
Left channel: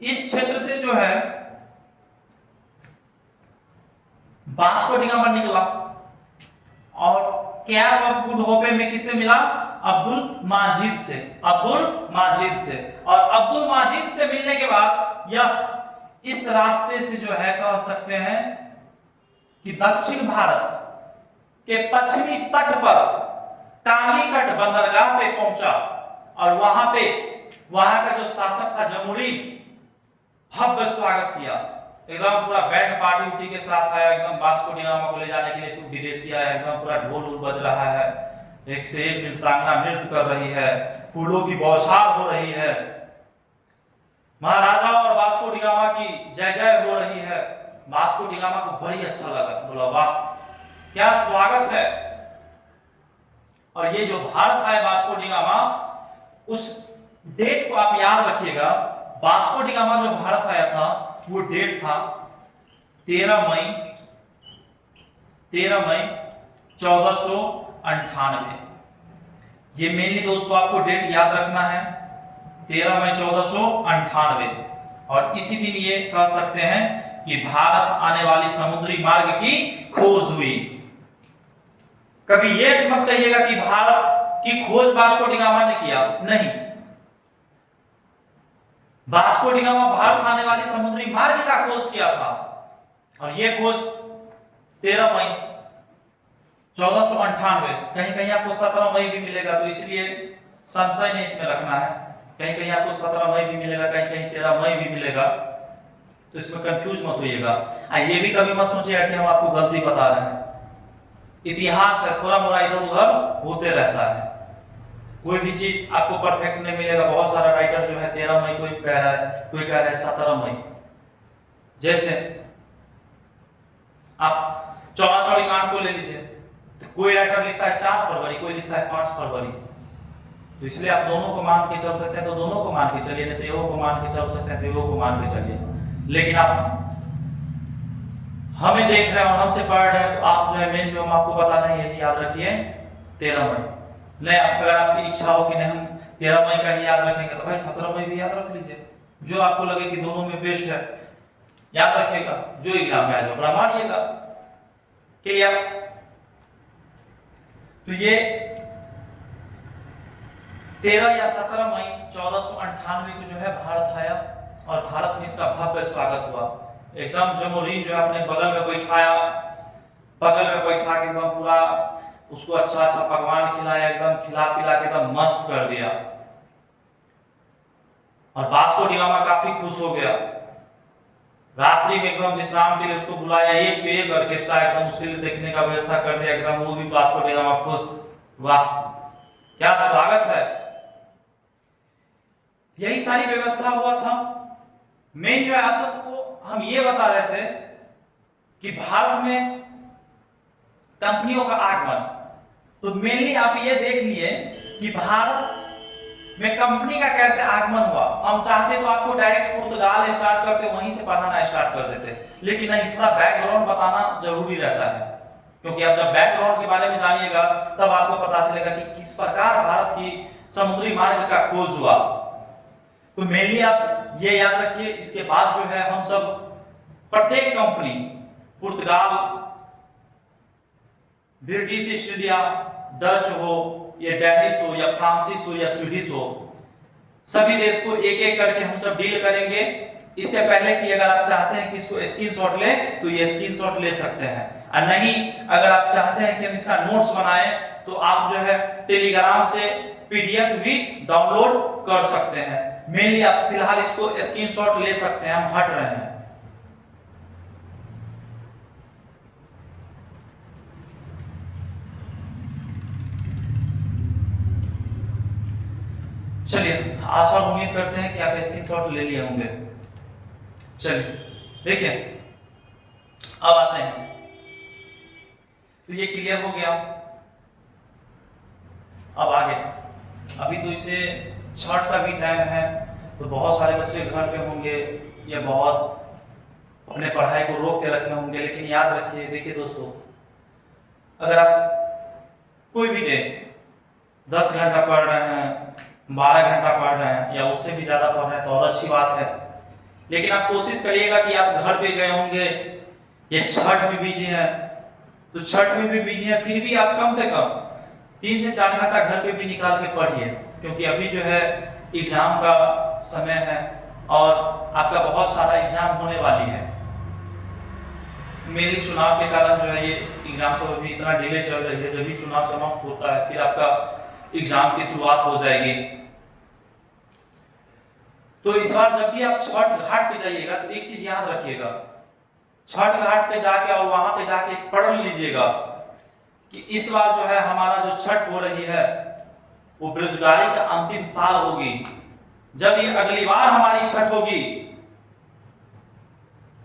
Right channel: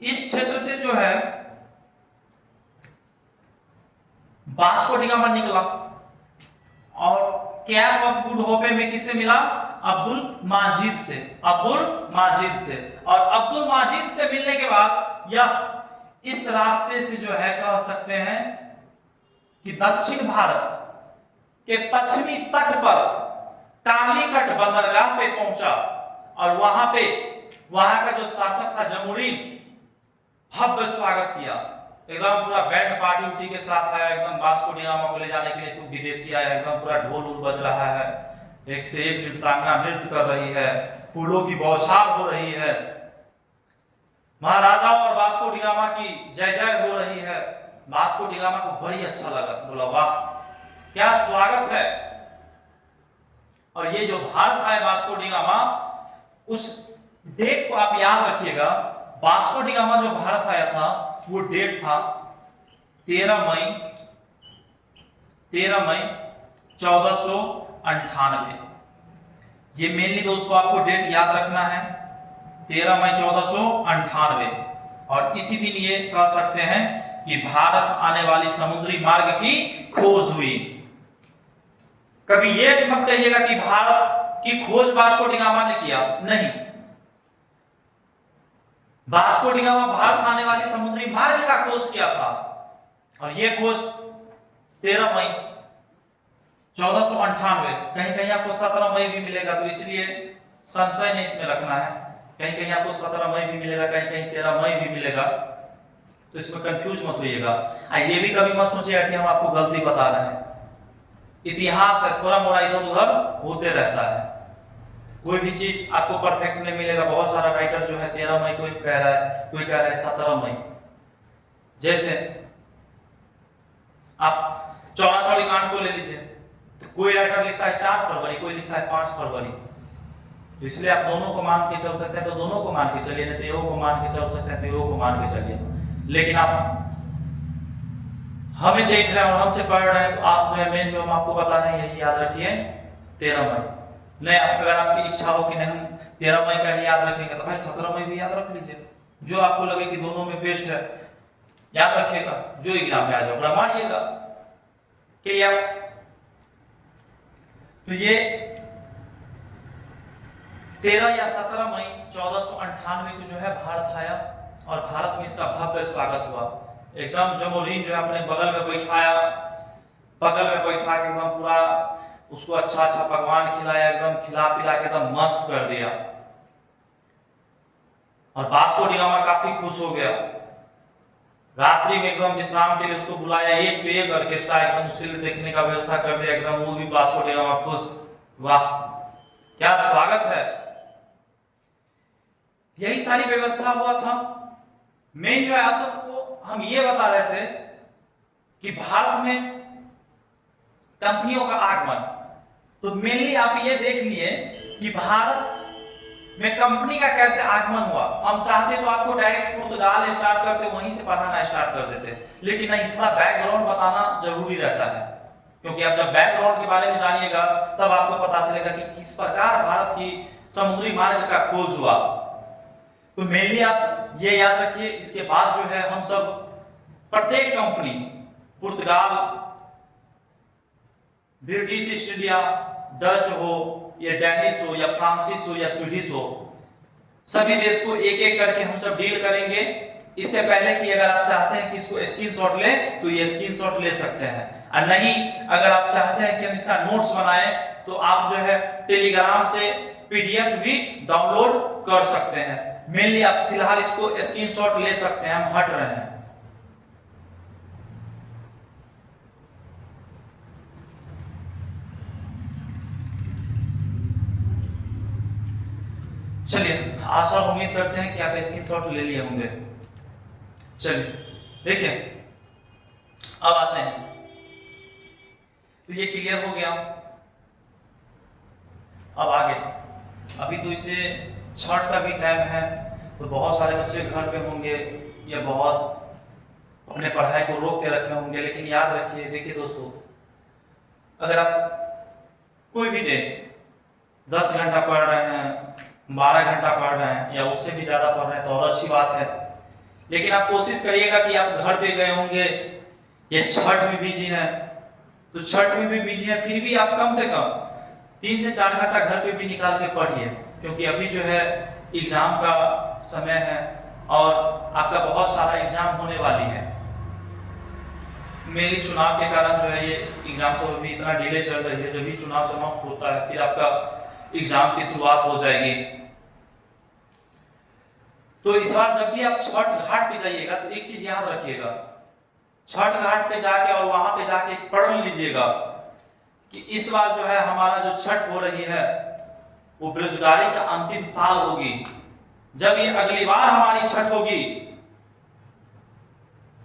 इस क्षेत्र से जो है वास्को डी गामा निकला और कैप ऑफ गुड होप में किसे मिला? अब्दुल माजिद से। और अब्दुल माजिद से मिलने के बाद यह इस रास्ते से जो है कह सकते हैं कि दक्षिण भारत के पश्चिमी तट पर कालीकट बंदरगाह पे पहुंचा और वहां का जो शासक था जमुरी भव्य स्वागत किया। एकदम पूरा बैंड पार्टी उठी के साथ आया, एकदम वास्को डी गामा को ले जाने के लिए कोई विदेशी आया, एकदम पूरा ढोल बज रहा है, एक से एक नृत्यांगना नृत्य कर रही है, फूलों की बौछार हो रही है, महाराजा और वास्को डी गामा की जय जय हो रही है। वास्को डी गामा को बड़ी अच्छा लगा, बोला वाह क्या स्वागत है। और ये जो भारत आए वास्को डी गामा, उस डेट को आप याद रखिएगा। वास्को डी गामा जो भारत आया था वो डेट था 13 मई 1498। ये मेनली दोस्तों आपको डेट याद रखना है, 13 मई 1498। और इसी दिन ये कह सकते हैं कि भारत आने वाली समुद्री मार्ग की खोज हुई। कभी ये मत कहिएगा कि भारत की खोज वास्को डी गामा ने किया, नहीं। वास्को डी गामा भारत आने वाली समुद्री मार्ग का खोज किया था और यह खोज 13 मई 1498। कहीं कहीं आपको 17 मई भी मिलेगा, तो इसलिए संशय नहीं इसमें रखना है। कहीं कहीं आपको 17 मई भी मिलेगा, कहीं कहीं 13 मई भी मिलेगा, तो इसमें कंफ्यूज मत होइएगा। ये भी कभी मत सोचिएगा कि हम आपको गलती बता रहे हैं। इतिहास है, थोड़ा मोड़ा इधर उधर होते रहता है, कोई भी चीज आपको परफेक्ट नहीं मिलेगा। बहुत सारा राइटर जो है 13 मई कोई कह रहा है, कोई कह रहा है 17 मई। जैसे आप चौरा-चौरी कांड को ले लीजिए, तो कोई राइटर लिखता है 4 फरवरी, कोई लिखता है 5 फरवरी। तो इसलिए आप दोनों को मान के चल सकते हैं तो दोनों को मान के चलिए, नहीं तो एगो को मान के चल सकते हैं तो एगो को मान के चलिए। लेकिन आप हमें देख रहे हैं और हमसे पढ़ रहे हैं, तो आप जो है मेन जो हम आपको बता रहे हैं यही याद रखिए 13 मई। नहीं, अगर आपकी इच्छा हो कि नहीं हम 13 मई का ही याद रखेंगे तो भाई 17 मई भी याद रख लीजिए, जो आपको लगे कि दोनों में बेस्ट है याद रखिएगा, जो एग्जाम में आ जाए बड़ा मानिएगा। क्लियर? तो ये 13 या 17 मई 1498 को जो है भारत आया और भारत में इसका भव्य स्वागत हुआ। एकदम जमोरीन जो है अपने बगल में बैठाया, बगल में बैठा के एकदम पूरा उसको अच्छा अच्छा पकवान खिलाया, एकदम खिला पिला के एकदम मस्त कर दिया। और वास्को डी गामा काफी खुश हो गया। रात्रि में एकदम विश्राम के लिए उसको बुलाया, एक पे एक ऑर्केस्ट्रा एकदम उसके लिए देखने का व्यवस्था कर दिया, एकदम वो भी वास्को डी गामा खुश। वाह क्या स्वागत है। यही सारी व्यवस्था हुआ था। मेन जो है आप सबको हम ये बता रहे थे कि भारत में कंपनियों का आगमन, तो मेनली आप ये देख लिए कि भारत में कंपनी का कैसे आगमन हुआ। हम चाहते तो आपको डायरेक्ट पुर्तगाल स्टार्ट करते, वहीं से पढ़ाना स्टार्ट कर देते, लेकिन नहीं, थोड़ा बैकग्राउंड बताना जरूरी रहता है, क्योंकि आप जब बैकग्राउंड के बारे में जानिएगा तब आपको पता चलेगा कि किस प्रकार भारत की समुद्री मार्ग का खोज हुआ। तो मेनली आप ये याद रखिए। इसके बाद जो है हम सब प्रत्येक कंपनी, पुर्तगाल, ब्रिटिश ईस्ट इंडिया, डच हो या डेनिश हो या फ्रांसिस हो या स्वीडिश हो, सभी देश को एक एक करके हम सब डील करेंगे। इससे पहले कि अगर आप चाहते हैं कि इसको स्क्रीनशॉट ले तो ये स्क्रीनशॉट ले सकते हैं, और नहीं अगर आप चाहते हैं कि हम इसका नोट्स बनाएं तो आप जो है टेलीग्राम से पीडीएफ भी डाउनलोड कर सकते हैं। मेनली आप फिलहाल इसको स्क्रीनशॉट ले सकते हैं, हम हट रहे हैं। चलिए, आशा उम्मीद करते हैं कि आप स्क्रीनशॉट ले लिए होंगे। चलिए देखिए, अब आते हैं, तो ये क्लियर हो गया। अब आगे, अभी तो इसे छठ का भी टाइम है, तो बहुत सारे बच्चे घर पे होंगे या बहुत अपने पढ़ाई को रोक के रखे होंगे, लेकिन याद रखिए, देखिए दोस्तों, अगर आप कोई भी डे 10 घंटा पढ़ रहे हैं, 12 घंटा पढ़ रहे हैं या उससे भी ज्यादा पढ़ रहे हैं तो और अच्छी बात है, लेकिन आप कोशिश करिएगा कि आप घर पे गए होंगे, ये छठ में बिजी है, तो छठ में भी बिजी है, फिर भी आप कम से कम 3 से 4 घंटा घर पे भी निकाल के पढ़िए, क्योंकि अभी जो है एग्जाम का समय है और आपका बहुत सारा एग्जाम होने वाली है। मेरी चुनाव के कारण जो है ये एग्जाम सब अभी इतना डिले चल रही है, जब भी चुनाव समाप्त होता है फिर आपका एग्जाम की शुरुआत हो जाएगी। तो इस बार जब भी आप छठ घाट पे जाइएगा तो एक चीज याद रखिएगा, छठ घाट पे जाके और वहां पे जाके पढ़ लीजिएगा कि इस बार जो है हमारा जो छठ हो रही है वो बेरोजगारी का अंतिम साल होगी। जब ये अगली बार हमारी छठ होगी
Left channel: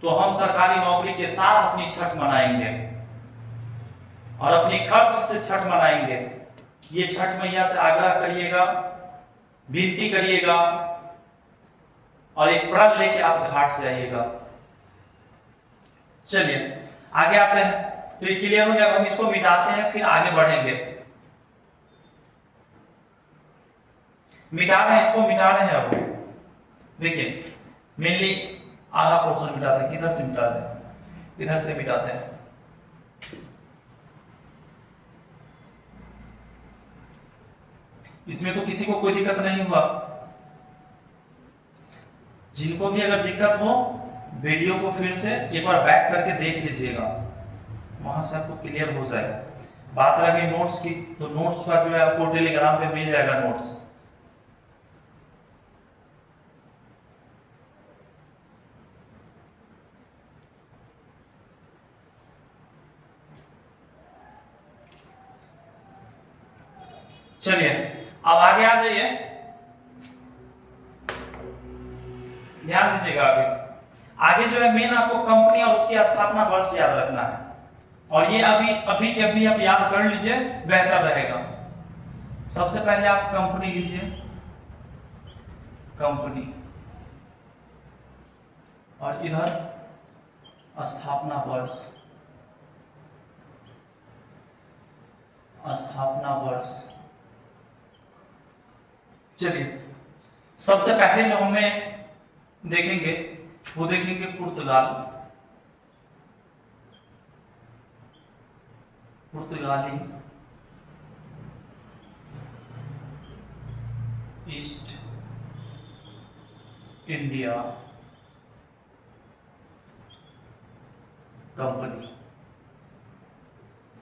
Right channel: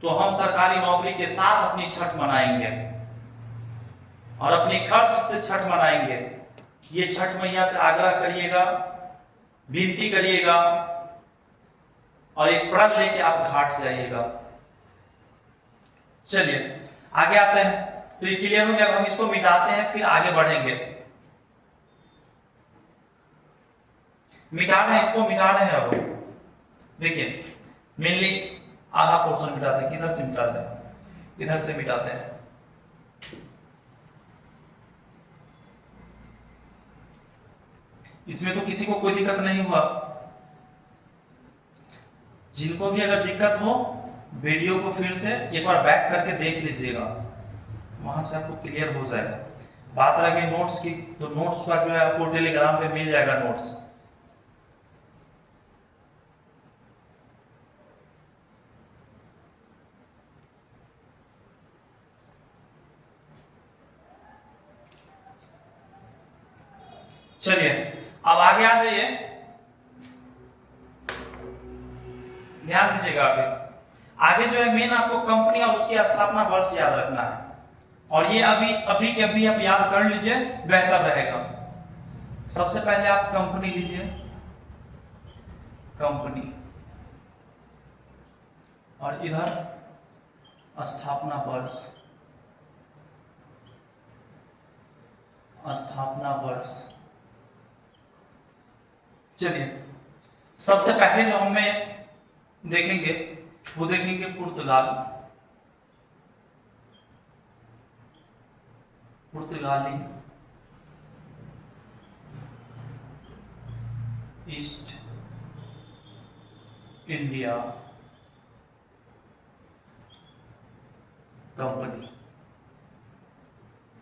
तो हम सरकारी नौकरी के साथ अपनी छठ मनाएंगे और अपनी खर्च से छठ मनाएंगे। ये छठ मैया से आग्रह करिएगा, विनती करिएगा और एक प्रण लेके आप घाट से आइएगा। चलिए आगे आते हैं, तो ये क्लियर हो गया। हम इसको मिटाते हैं, फिर आगे बढ़ेंगे। मिटा रहे हैं, इसको मिटा रहे हैं। अब देखिए, मेनली आधा पोर्शन मिटाते हैं, किधर से मिटाते हैं, इधर से मिटाते हैं। इसमें तो किसी को कोई दिक्कत नहीं हुआ। जिनको भी अगर दिक्कत हो, वीडियो को फिर से एक बार बैक करके देख लीजिएगा, वहां से आपको क्लियर हो जाएगा। बात रह गई नोट्स की, तो नोट्स का जो है आपको टेलीग्राम पे मिल जाएगा नोट्स। चलिए अब आगे आ जाइए, ध्यान दीजिएगा। आगे जो है मेन आपको कंपनी और उसकी स्थापना वर्ष याद रखना है, और ये अभी के अभी आप याद कर लीजिए, बेहतर रहेगा। सबसे पहले आप कंपनी लीजिए, कंपनी, और इधर स्थापना वर्ष, स्थापना वर्ष। चलिए सबसे पहले जो हमें देखेंगे वो देखेंगे पुर्तगाल, पुर्तगाली ईस्ट इंडिया कंपनी,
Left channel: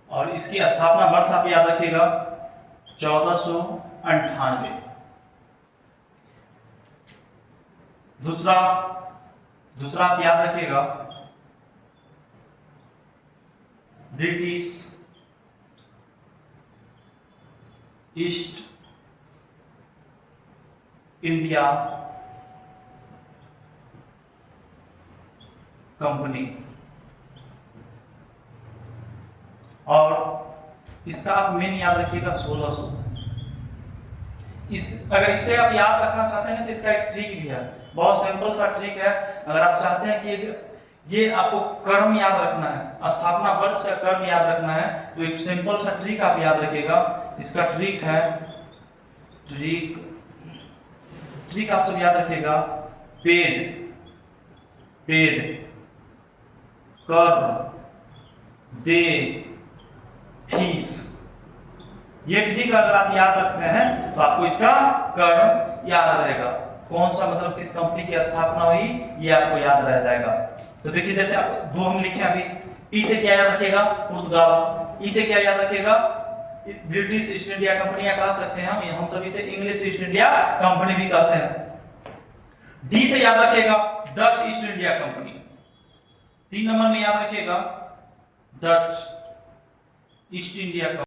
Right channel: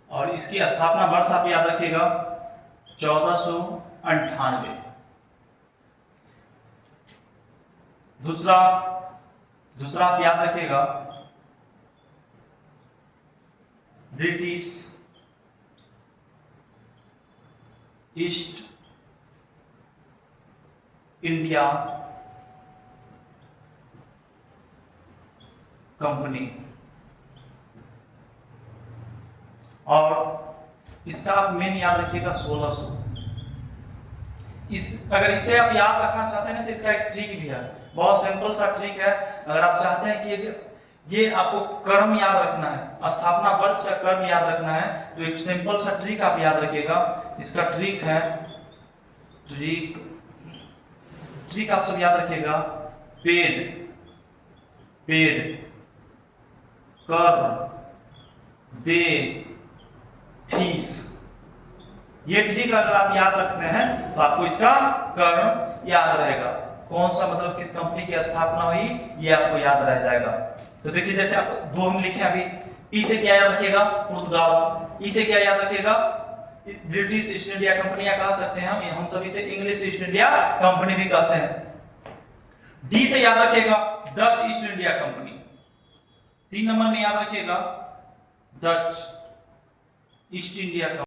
और इसकी स्थापना वर्ष आप याद रखिएगा 1498। दूसरा आप याद रखिएगा ब्रिटिश ईस्ट इंडिया कंपनी, और इसका आप मेन याद रखिएगा 1600। अगर इसे आप याद रखना चाहते हैं तो इसका एक ट्रिक भी है, बहुत सिंपल सा ट्रिक है। अगर आप चाहते हैं कि ये आपको क्रम याद रखना है, स्थापना वर्ष का क्रम याद रखना है, तो एक सिंपल सा ट्रिक आप याद रखिएगा। इसका ट्रिक है, ट्रिक आप सब याद रखिएगा, पेड कर दे फीस। ये ट्रिक अगर आप याद रखते हैं तो आपको इसका क्रम याद रहेगा, कौन सा मतलब किस कंपनी की स्थापना हुई ये आपको याद रह जाएगा। तो देखिए जैसे आप दो हम लिखे अभी, पी से क्या याद रखिएगा, पुर्तगाल, ई से क्या याद रखिएगा, ब्रिटिश ईस्ट इंडिया कंपनी कह सकते हैं हम सभी से इंग्लिश ईस्ट इंडिया कंपनी भी कहते हैं। डी से याद रखिएगा Dutch east India company. 3 number में याद रखिएगा डच ईस्ट इंडिया कंपनी।